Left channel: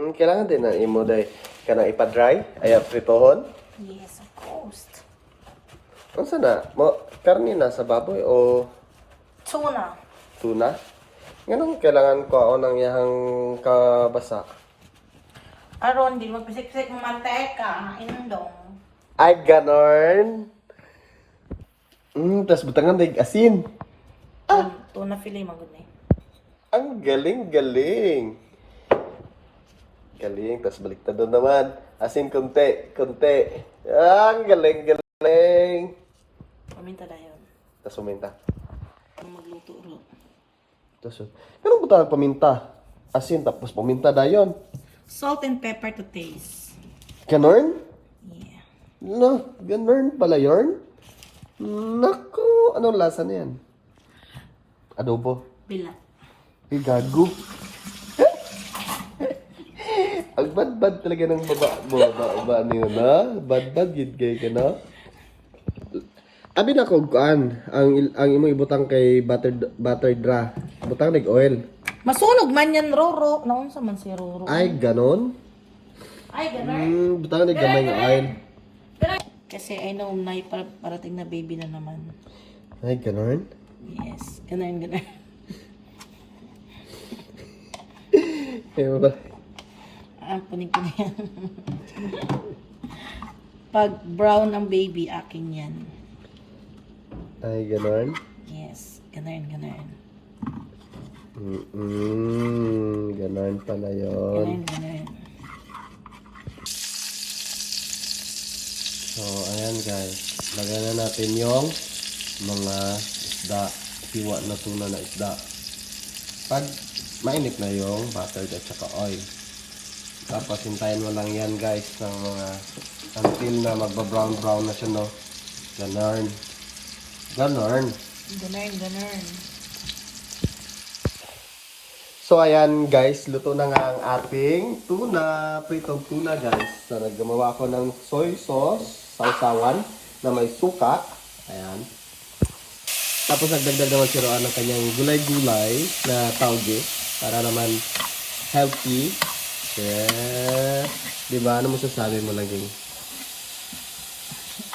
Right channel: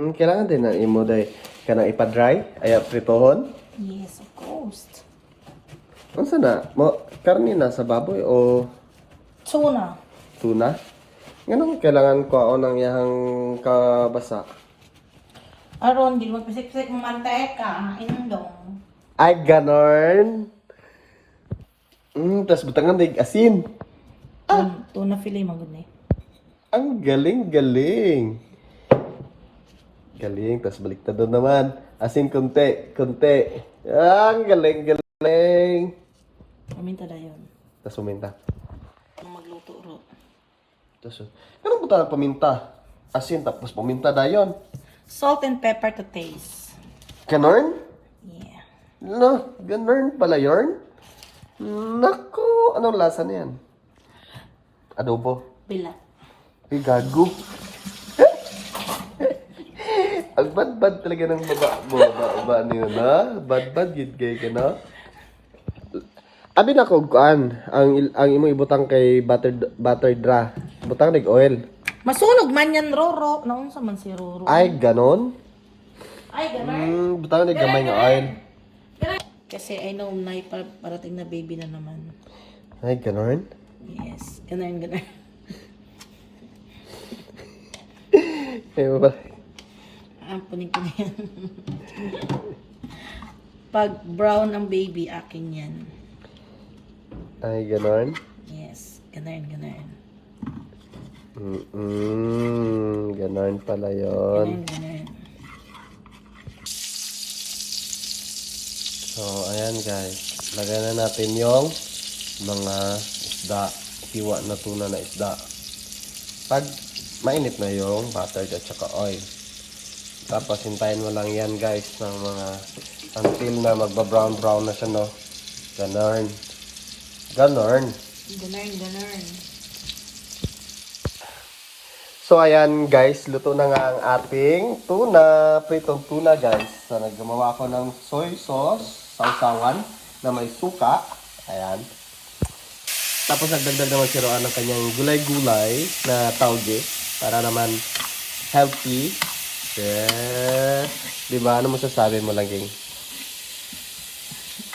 Kailangan din na imo day kanang ipa-dry ay pritohon. Yes, of course. Unsa na mo karne lang sa baboy o Tuna. tuna? Ganun kailangan ko ang yang kabasa. Aron, di mo pasiksik mo mantika. Inandong. Ay ganon. Tas butangan day asin. Tuna fillet mo gud ni. Ang galing. Galing, tas baliktad na naman. Asin kunti. Ang galing. Paminta dayon. Tas uminta. Ang magluto ro. Tas ganun buta paminta. Asin tapos paminta dayon. Salt and pepper to taste. Ganon? Yeah. No, ganon pala yorn? Naku, anong lasa na yan? Adobo. Bilat. Ay, gago. Ang bad-bad talaga ng baba niyo na. Bad-bad, gid kay ka na. Abi na kog kuan, ang imo ibutang kay butter dra. Butang nig oil. Masunog man yan, Roro. Naunsa man si Roro? Ay, ganon? Ay, ganun. Butang nig gamay nga oil. Kasi I know may parating na baby na naman. Ay, ganon? Yes. Ganun. Ay, ba? Punin ko na yan. Pag brown ang baby, akin yan. Ay, ganon? Yes. Ganun. Ganon pala yon. Ganun. So, ayan guys. Lagyan na natin yung mga isda. Siwa na tuna na isda. Pag mainit na yung butter at saka oil. Tapos hintayin mo lang yan guys ng mga until na magba-brown na siya, no? Ganon. Ganun. So ayan guys, luto na nga ang ating tuna, pritong tuna guys. So naggumawa ako ng soy sauce, sausawan na may suka. Ayan. Tapos nagdagdag naman si Roan ng kanyang gulay-gulay na tauge para naman healthy. Yeah. Diba? Ano mo sasabi mo laging?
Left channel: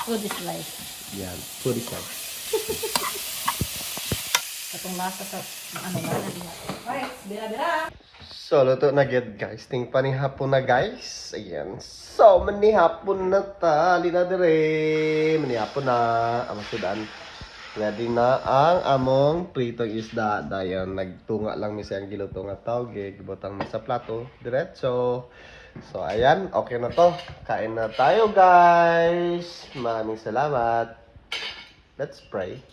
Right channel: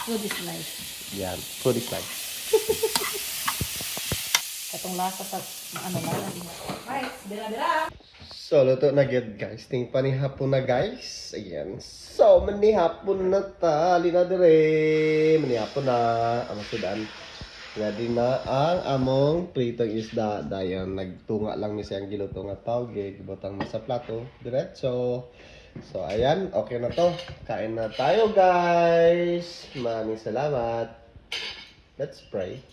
Food is life. Yan. Food is life. Itong lasa sa ano na lang. Alright, dira. So, luto na gid guys. Ting panihapon na guys. Ayan. So, manihapon na ta. Lina dire. Manihapon na. Ang sudan. Ready na ang among pritong isda. Dayon, nagtunga lang mi siyang giluto nga tawge. Gibutang mi sa plato. Diretso. So, ayan. Okay na to. Kain na tayo guys. Maraming salamat. Let's pray.